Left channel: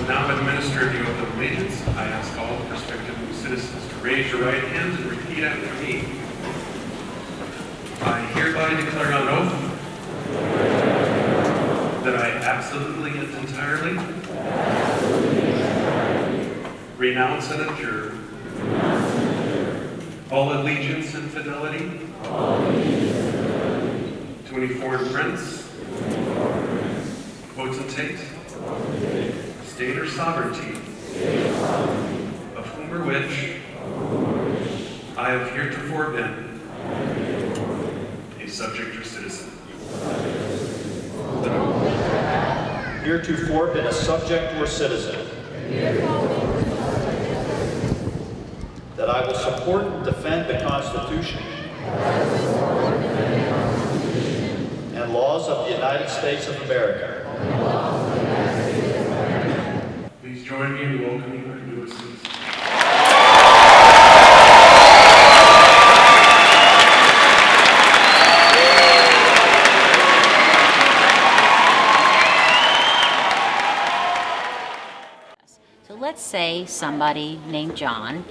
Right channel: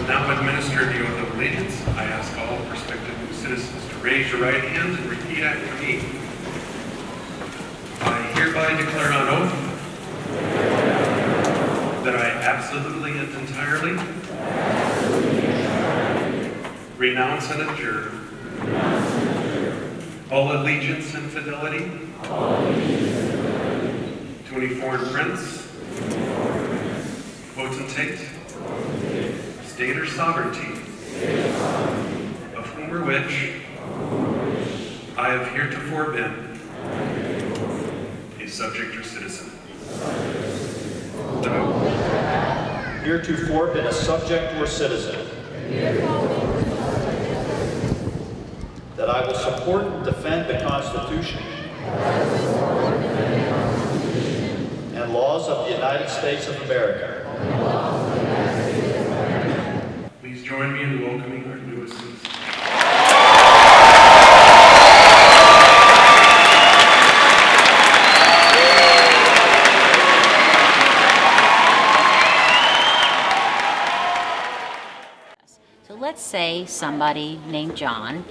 will now administer the oath of allegiance. I ask all prospective new citizens to raise your right hand and repeat after me. I hereby declare on oath that I absolutely and entirely renounce and abjure all allegiance and fidelity to any foreign prince, potentate, state or sovereignty, of whom or which I have heretofore been a subject or citizen. Heretofore been a subject or citizen. That I will support and defend the Constitution and laws of the United States of America. Please join me in welcoming our newest citizens. So let's say somebody named John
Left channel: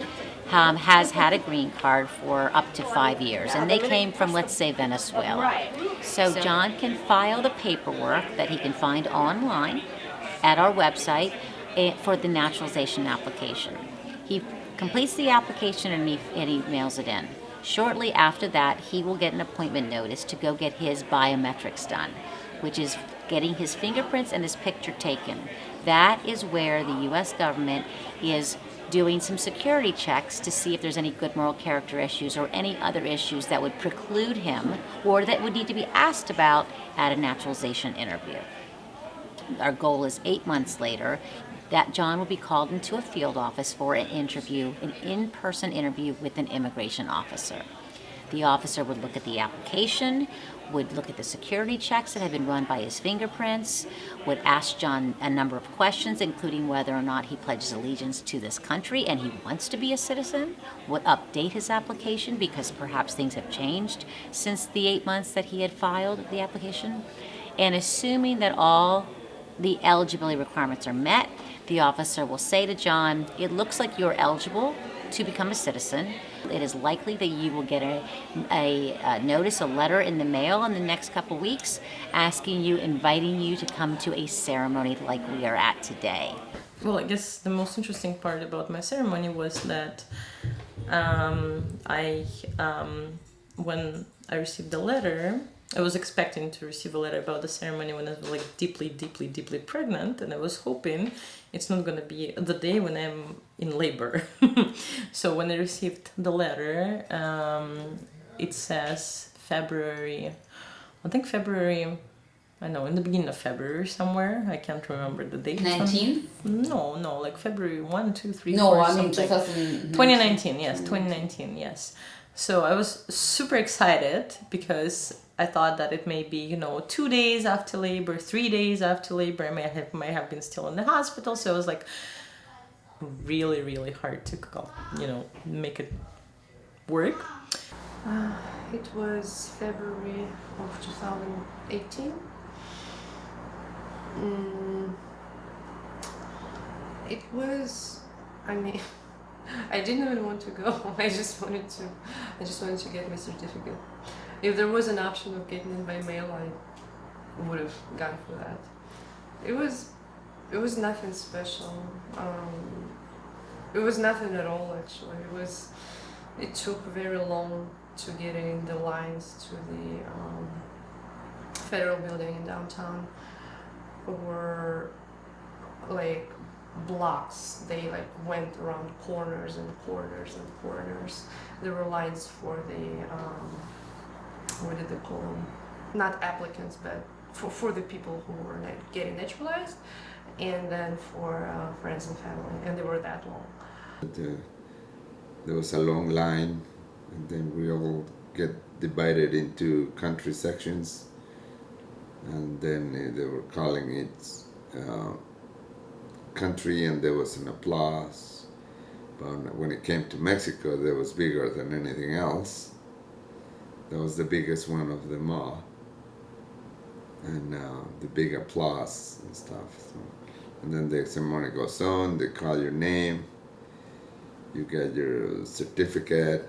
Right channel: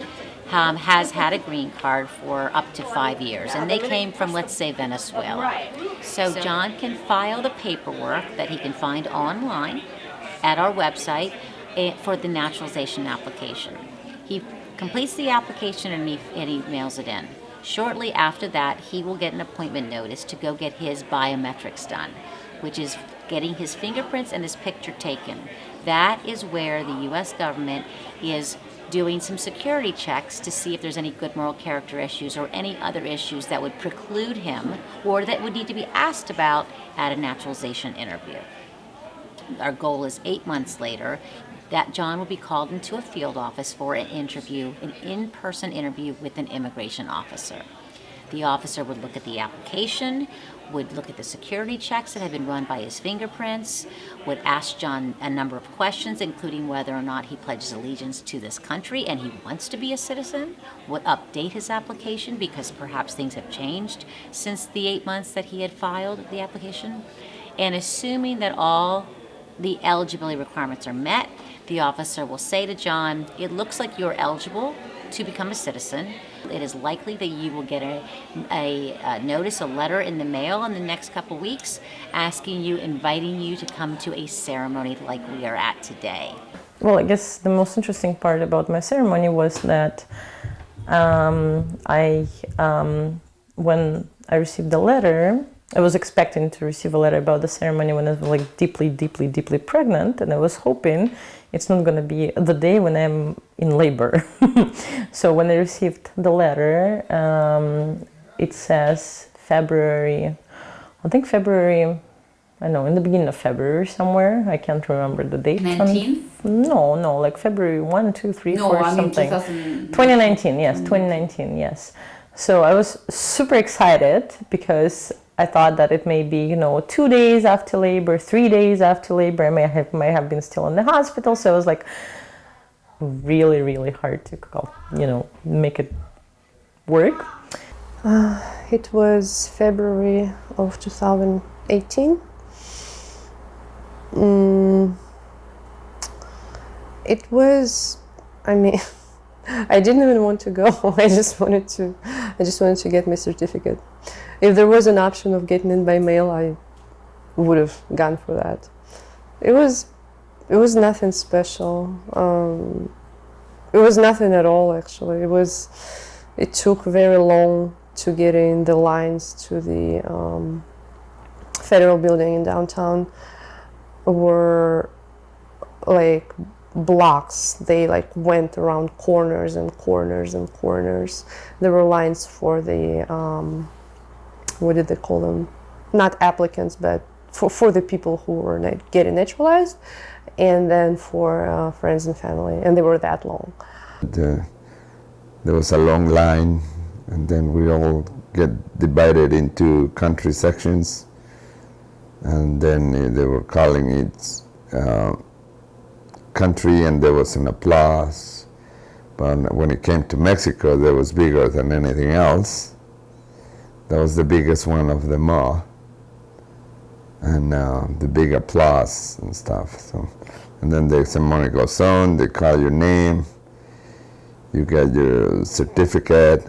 has had a green card for up to 5 years, and they came from, let's say, Venezuela. So John can file the paperwork that he can find online at our website for the naturalization application. He completes the application and he mails it in. Shortly after that, he will get an appointment notice to go get his biometrics done, which is getting his fingerprints and his picture taken. That is where the U.S. government is doing some security checks to see if there's any good moral character issues or any other issues that would preclude him or that would need to be asked about at a naturalization interview. Our goal is 8 months later that John will be called into a field office for an interview, an in-person interview with an immigration officer. The officer would look at the application, would look at the security checks that have been run by his fingerprints, would ask John a number of questions, including whether or not he pledges allegiance to this country and he wants to be a citizen, would update his application because perhaps things have changed since the 8 months that he had filed the application. And assuming that all the eligibility requirements are met, the officer will say to John, it looks like you're eligible to become a citizen. It is likely that you will get a notice, a letter in the mail in the next couple weeks asking you, inviting you to come to a ceremony like we are at today. Well, I guess the most interesting part about my ceremony was that when I received the letter, I was expecting to receive a letter about the ceremony when I was like deeply pregnant, and I was hoping it's not going to be the day when I'm in labor. So when I received the letter, it says February, in the beginning of February somewhere. I can't remember the date. 19th? No, like February 1, 2, 3, no, 4, I mean something. 2019, yes, 2019, yes. So I was super excited because I thought that it may be, 2 days after labor, 3 days after labor. I might have been still in the hospital. So it was like really hard to make it work. It was February of 2018. It was, I didn't even want to go. I just wanted to get my certificate. If there was an option of getting it by mail, I would have gone for that. It was nothing special. It was nothing at all, actually. It took very long to get in the lines to the federal building in downtown. Were like blocks. They like went around corners and corners and corners. There were lines for the what did they call them? Not applicants, but for the people who were getting naturalized, and then for friends and family, and they were that long. There was a long line, and then we all get divided into country sections, and then they were calling it country, and there was an applause. But when it came to Mexico, that was bigger than anything else. That was the biggest one of them all, and the big applause and stuff. So And then the ceremony goes on, they call your name, you get your certificate.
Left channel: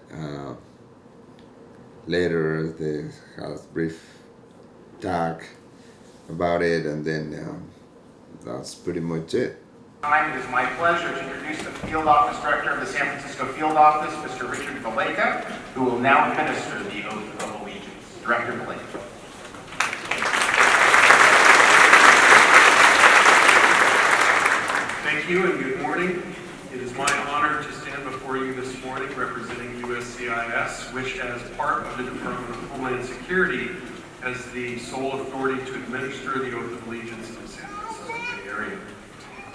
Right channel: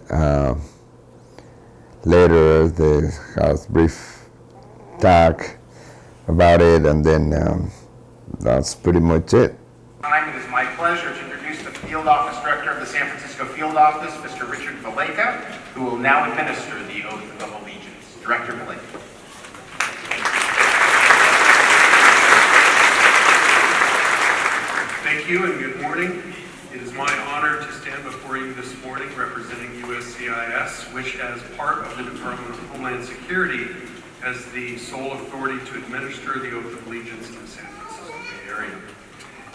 Later, they have a brief talk about it, and then that's pretty much it. It is my pleasure to introduce the Field Office Director of the San Francisco Field Office, Mr. Richard Valleca, who will now administer the Oath of Allegiance. Director Valleca. Thank you and good morning. It is my honor to stand before you this morning representing USCIS, which as part of the Department of Homeland Security has the sole authority to administer the Oath of Allegiance in the San Francisco Bay Area.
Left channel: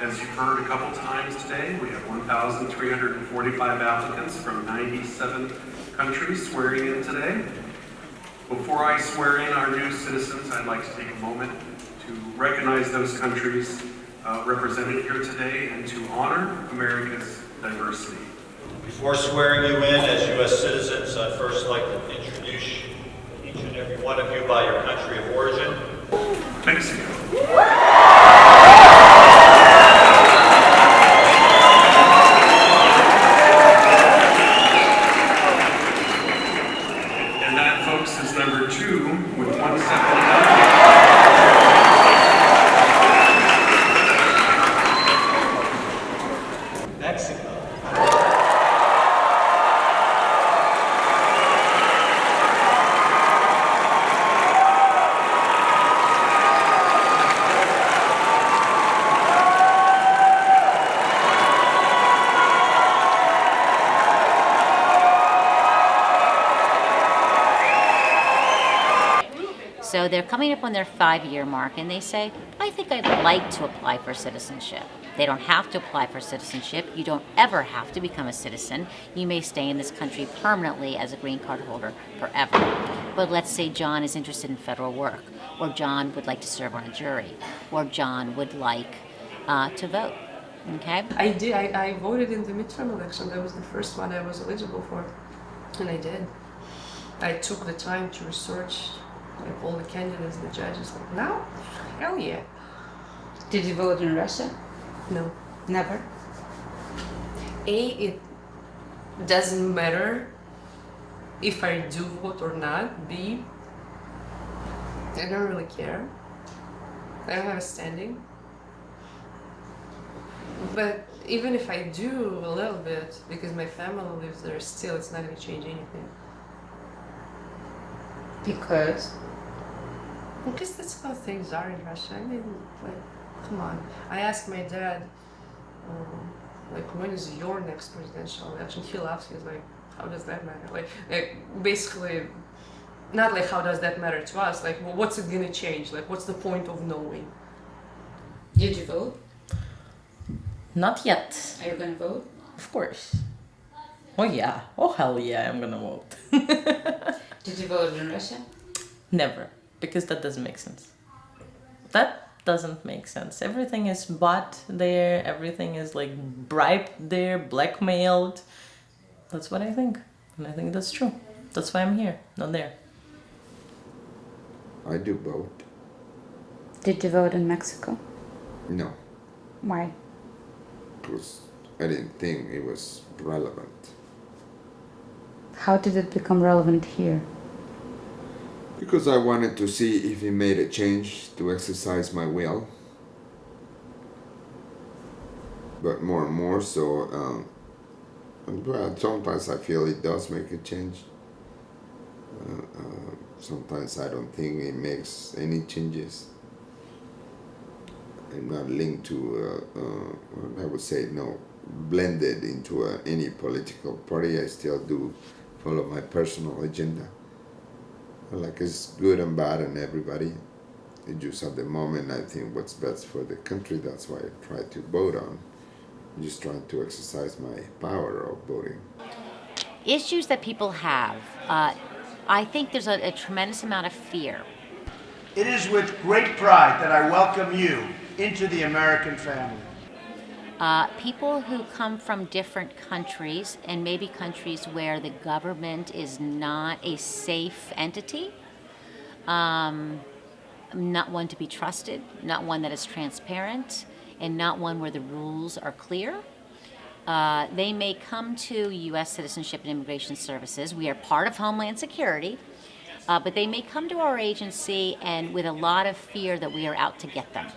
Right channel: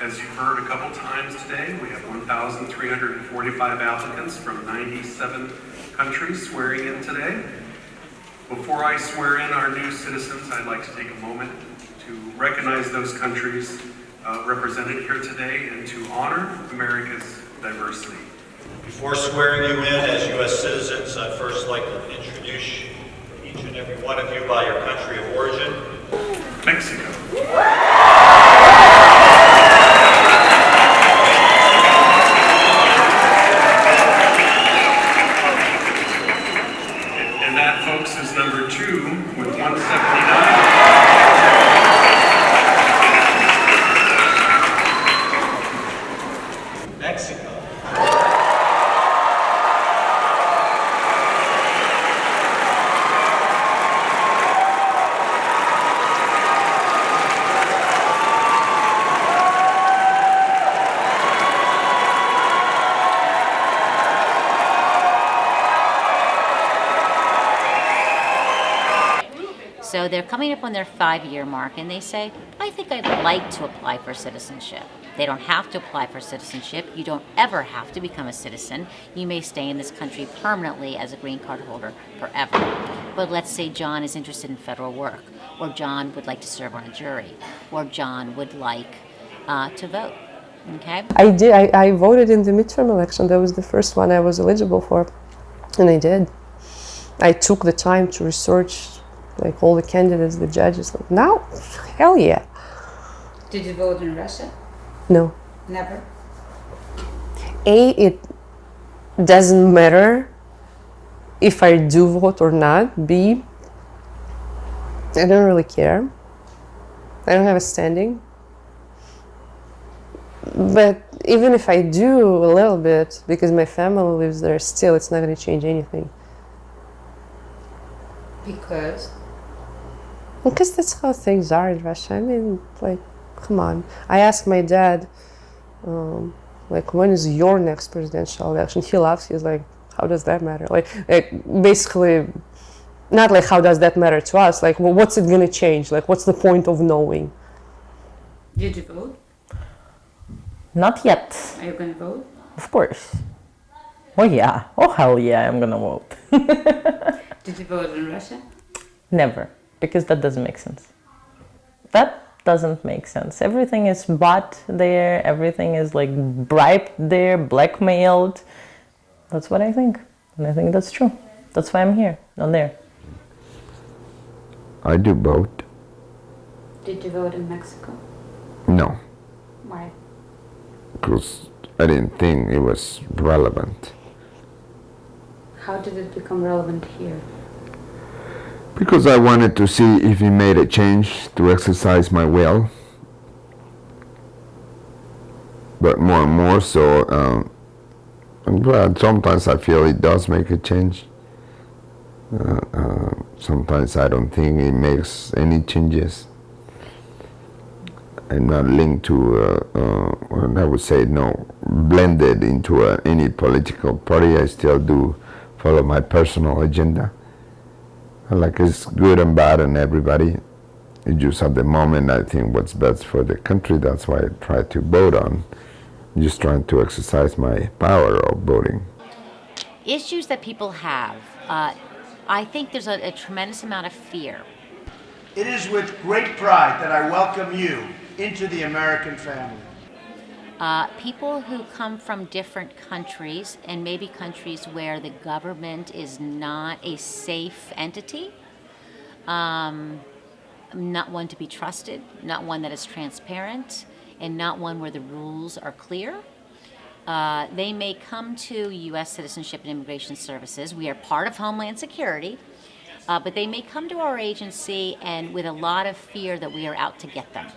As you've heard a couple times today, we have 1,345 applicants from 97 countries swearing in today. Before I swear in our new citizens, I'd like to take a moment to recognize those countries represented here today and to honor America's diversity. Before swearing you in as U.S. citizens, I'd first like to introduce each and every one of you by your country of origin. Mexico. And that, folks, is number 2 with 179. Mexico. So they're coming up on their 5-year mark and they say, I think I'd like to apply for citizenship. They don't have to apply for citizenship. You don't ever have to become a citizen. You may stay in this country permanently as a green card holder forever. But let's say John is interested in federal work, or John would like to serve on a jury, or John would like to vote. Okay? I did. I voted in the midterm election. That was the first one I was eligible for, and I did. I took the time to research, like all the candidates, the judges. Like, now, hell yeah. Did you vote in Russia? No. Never. It doesn't matter if I do vote or not. B, I don't really care. I don't have a standing. But even if I do a little bit, because my family lives there still, it's not going to change anything. Because? Because that's how things are in Russia. I mean, like, come on. I asked my dad, like, when is your next presidential election? He laughs. He's like, how does that matter? Like basically, not like how does that matter to us? Like, well, what's it gonna change? Like, what's the point of knowing? Did you vote? Not yet. Are you gonna vote? Of course. Oh yeah. Oh hell yeah, I'm gonna vote. Did you vote in Russia? Never, because that doesn't make sense. That doesn't make sense. Everything is bought there, everything is like bribed there, blackmailed. That's what I think. And I think that's true. That's why I'm here, not there. I do vote. Did you vote in Mexico? No, Why? because I didn't think it was relevant. How did it become relevant here? Because I wanted to see if he made a change to exercise my will. But more and more so, but sometimes I feel it does make a change. Sometimes I don't think it makes any changes. I'm not linked to, I would say no, blended into any political party. I still do follow my personal agenda. Like, it's good and bad and everybody. It's just at the moment I think what's best for the country. That's why I try to vote on. I'm just trying to exercise my power of voting. Issues that people have, I think there's a tremendous amount of fear. It is with great pride that I welcome you into the American family. People who come from different countries, and maybe countries where the government is not a safe entity, not one to be trusted, not one that is transparent, and not one where the rules are clear. They may come to U.S. Citizenship and Immigration Services. We are part of Homeland Security, but they may come to our agency and with a lot of fear that we are out to get them.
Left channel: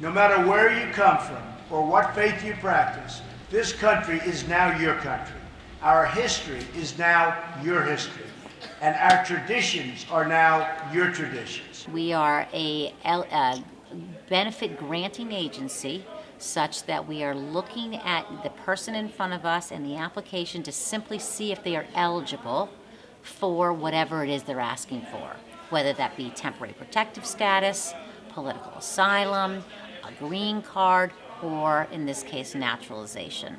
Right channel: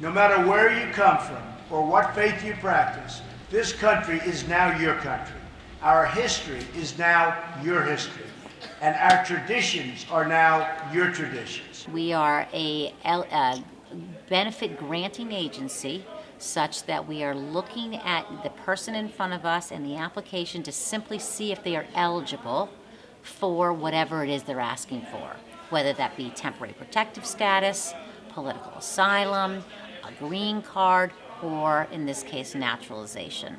No matter where you come from or what faith you practice, this country is now your country. Our history is now your history. And our traditions are now your traditions. We are a benefit granting agency such that we are looking at the person in front of us and the application to simply see if they are eligible for whatever it is they're asking for, whether that be temporary protective status, political asylum, a green card, or in this case, naturalization.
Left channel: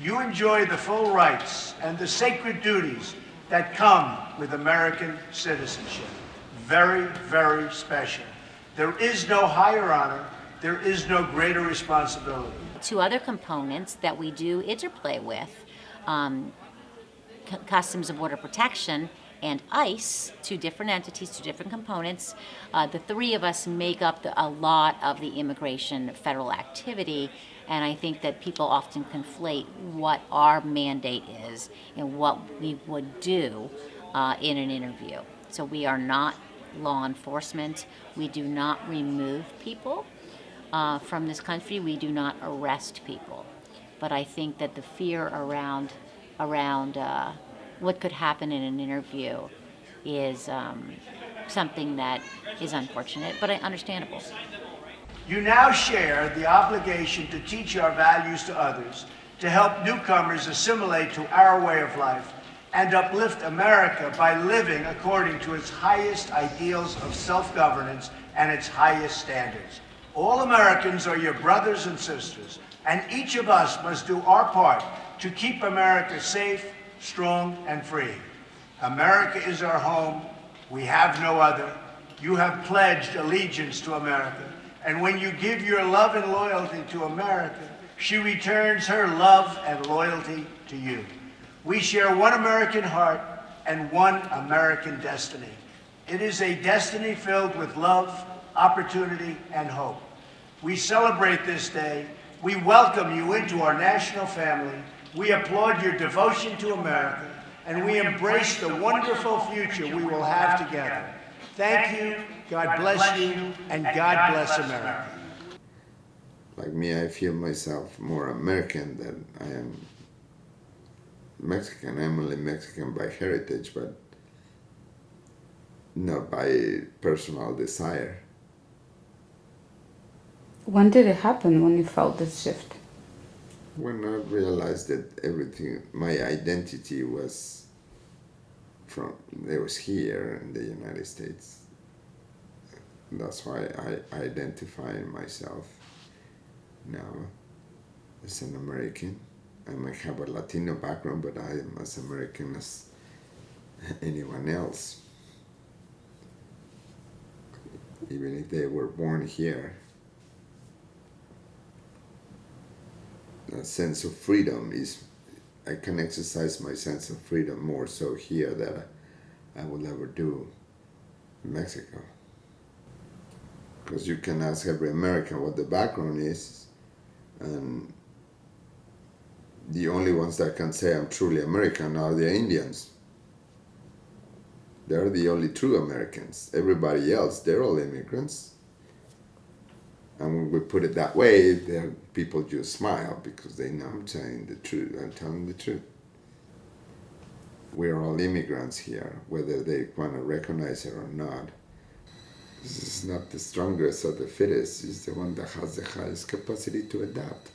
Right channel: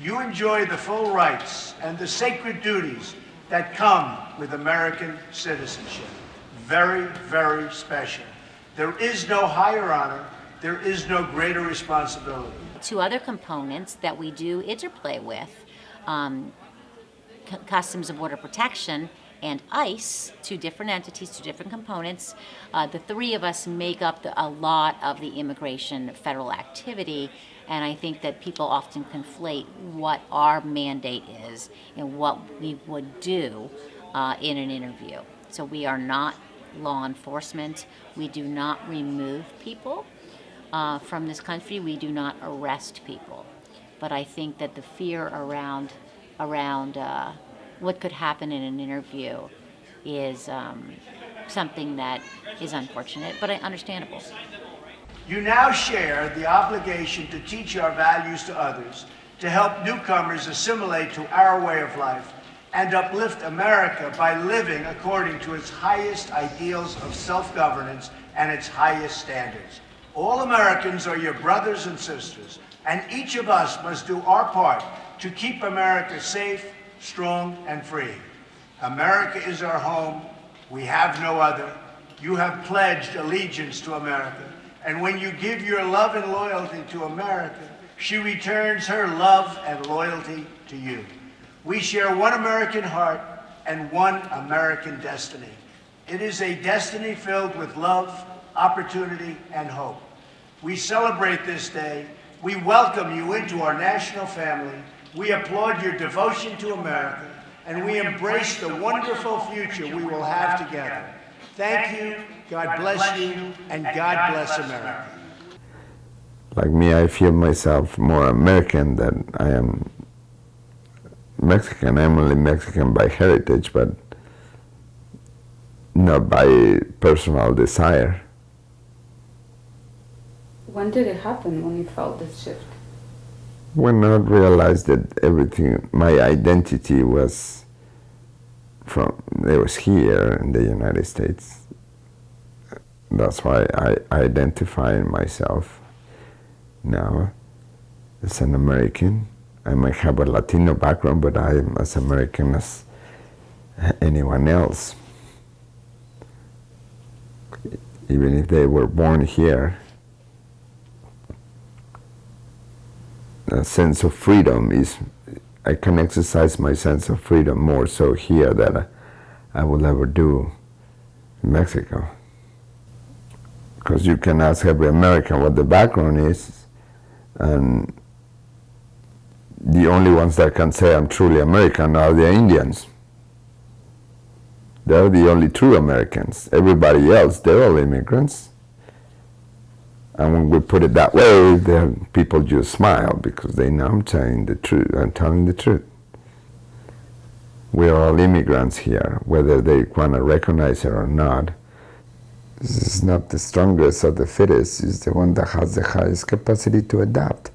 You enjoy the full rights and the sacred duties that come with American citizenship. Very, very special. There is no higher honor. There is no greater responsibility. Two other components that we do interplay with, Customs and Border Protection and ICE, two different entities, two different components. The three of us make up a lot of the immigration federal activity, and I think that people often conflate what our mandate is and what we would do in an interview. So we are not law enforcement. We do not remove people from this country. We do not arrest people. But I think that the fear around what could happen in an interview is something that is unfortunate, but understandable. You now share the obligation to teach our values to others, to help newcomers assimilate to our way of life, and uplift America by living according to its highest ideals of self-governance and its highest standards. All Americans are your brothers and sisters, and each of us must do our part to keep America safe, strong, and free. America is our home. We have no other. You have pledged allegiance to America. And when you give your love and loyalty to America, she returns her love and loyalty to you. We share one American heart and one American destiny. It is a destiny filled with love, opportunity, and hope. We celebrate this day. We welcome you into our national family. We applaud your devotion to America, and we embrace the wonderful future we will have together. Thank you, God bless you, and God bless America. Like me, I feel myself more American than I am Mexican. I'm only Mexican by heritage, but not by personal desire. When did it happen when you felt this shift? When I realized that everything, my identity was here in the United States. That's why I identify myself now as an American. I might have a Latino background, but I'm as American as anyone else. Even if they were born here, a sense of freedom is, I can exercise my sense of freedom more so here than I would ever do in Mexico. Because you can ask every American what the background is, and the only ones that can say I'm truly American are the Indians. They're the only true Americans. Everybody else, they're all immigrants. And when we put it that way, people just smile because they know I'm telling the truth. I'm telling the truth. We're all immigrants here, whether they want to recognize it or not. This is not the strongest or the fittest. It's the one that has the highest capacity to adapt.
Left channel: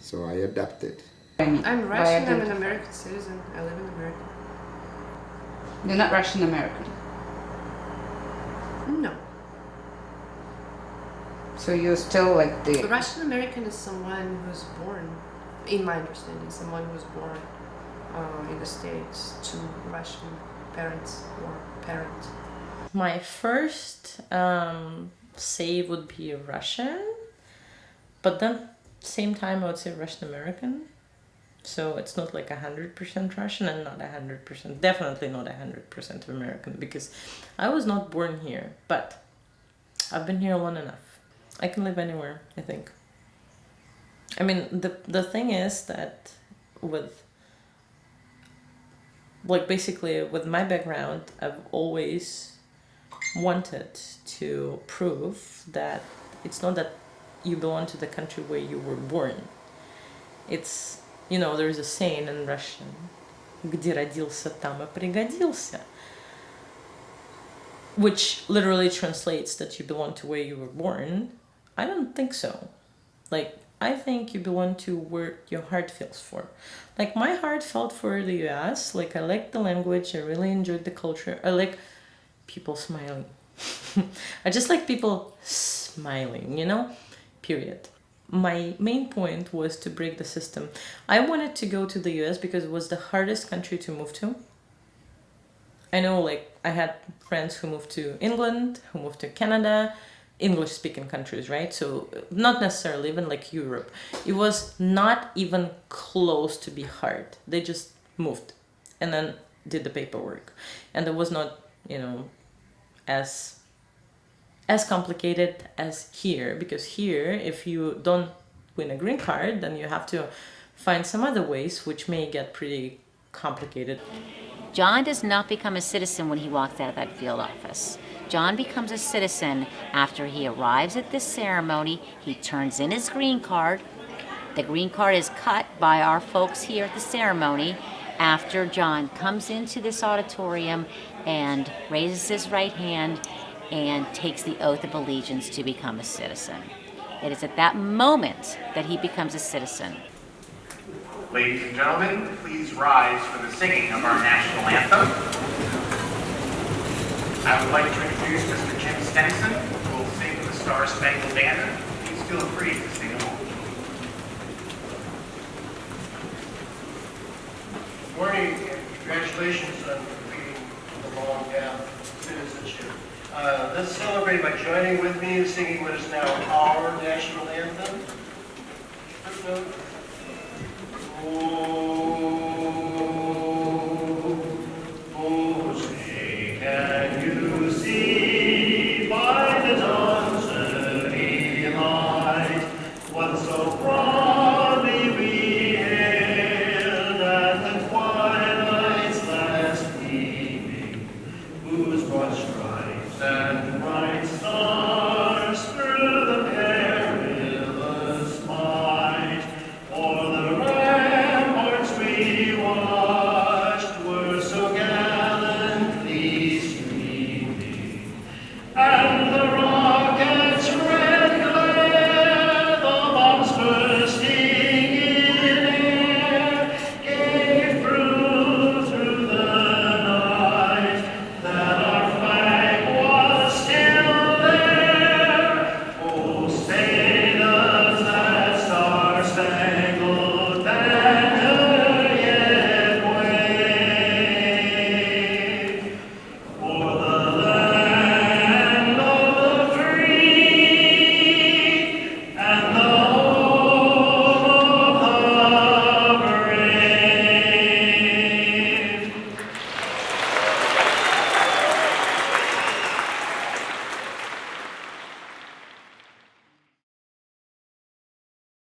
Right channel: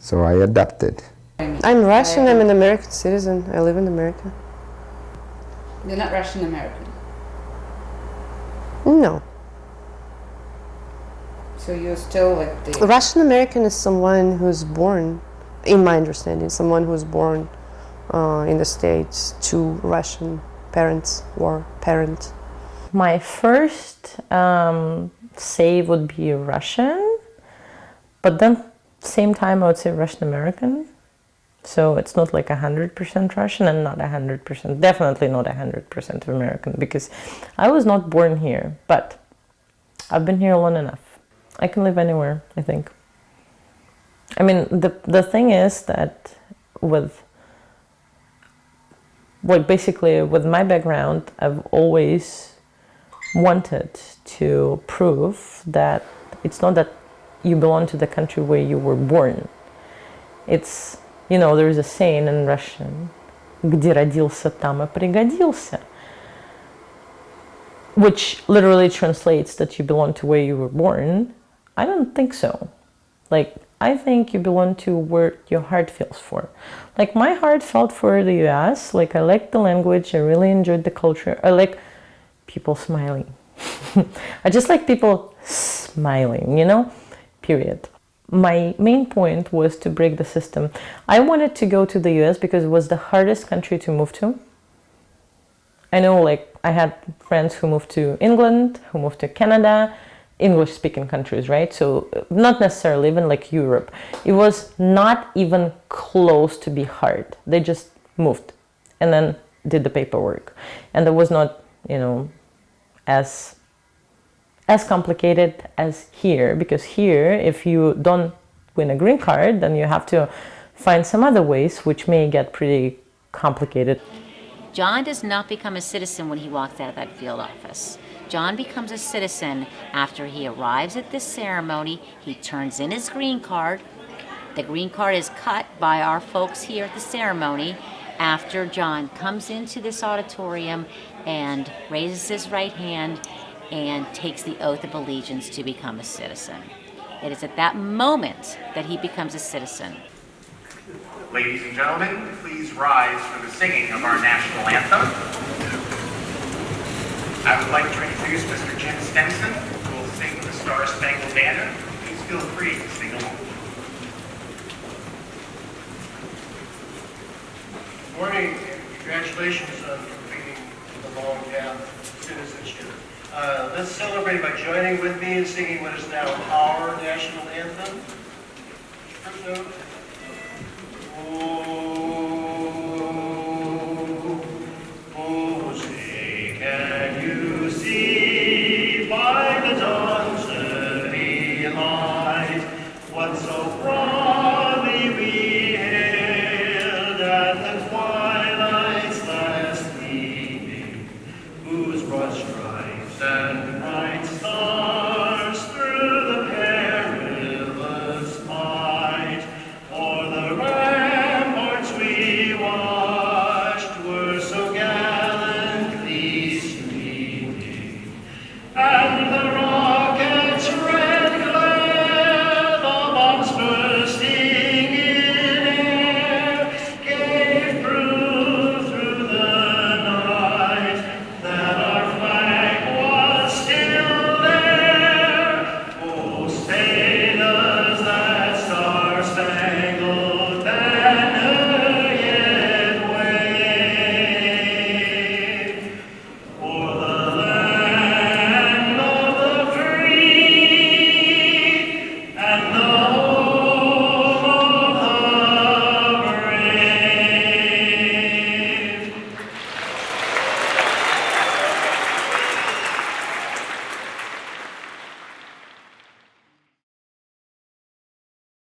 So I adapted. I'm Russian. I'm an American citizen. I live in America. You're not Russian American. No. So you're still like the Russian American is someone who's born, in my understanding, someone who's born in the States to Russian parents or parent. My first say would be Russian, but then same time I would say Russian American. So it's not like 100% Russian and not 100%, definitely not 100% American, because I was not born here, but I've been here long enough. I can live anywhere, I think. I mean, the thing is that with, like, basically with my background, I've always wanted to prove that it's not that you belong to the country where you were born. It's, you know, there's a saying in Russian, где родился, там и пригодился, which literally translates that you belong to where you were born. I don't think so. Like, I think you belong to where your heart feels for. Like, my heart felt for the US. Like, I liked the language. I really enjoyed the culture. I like people smiling. I just like people smiling, you know? Period. My main point was to break the system. I wanted to go to the US because it was the hardest country to move to. I know, like, I had friends who moved to England, who moved to Canada, English-speaking countries, right? So not necessarily even like Europe. It was not even close to be hard. They just moved and then did the paperwork. And it was not, you know, as complicated as here, because here, if you don't win a green card, then you have to find some other ways, which may get pretty complicated. John does not become a citizen when he walks out of that field office. John becomes a citizen after he arrives at this ceremony. He turns in his green card. The green card is cut by our folks here at the ceremony after John comes into this auditorium and raises his right hand and takes the oath of allegiance to become a citizen. It is at that moment that he becomes a citizen. Ladies and gentlemen, please rise for the singing of our national anthem. I would like to introduce Mr. Jim Stenson, who will sing the Star Spangled Banner. Please feel free to sing along. Good morning, and congratulations on completing the long path of citizenship. Let's celebrate by joining with me in singing what is now our national anthem. First note. Oh, say, can you see by the dawn's early light what so broadly we hailed at the twilight's last gleaming, whose broad stripes and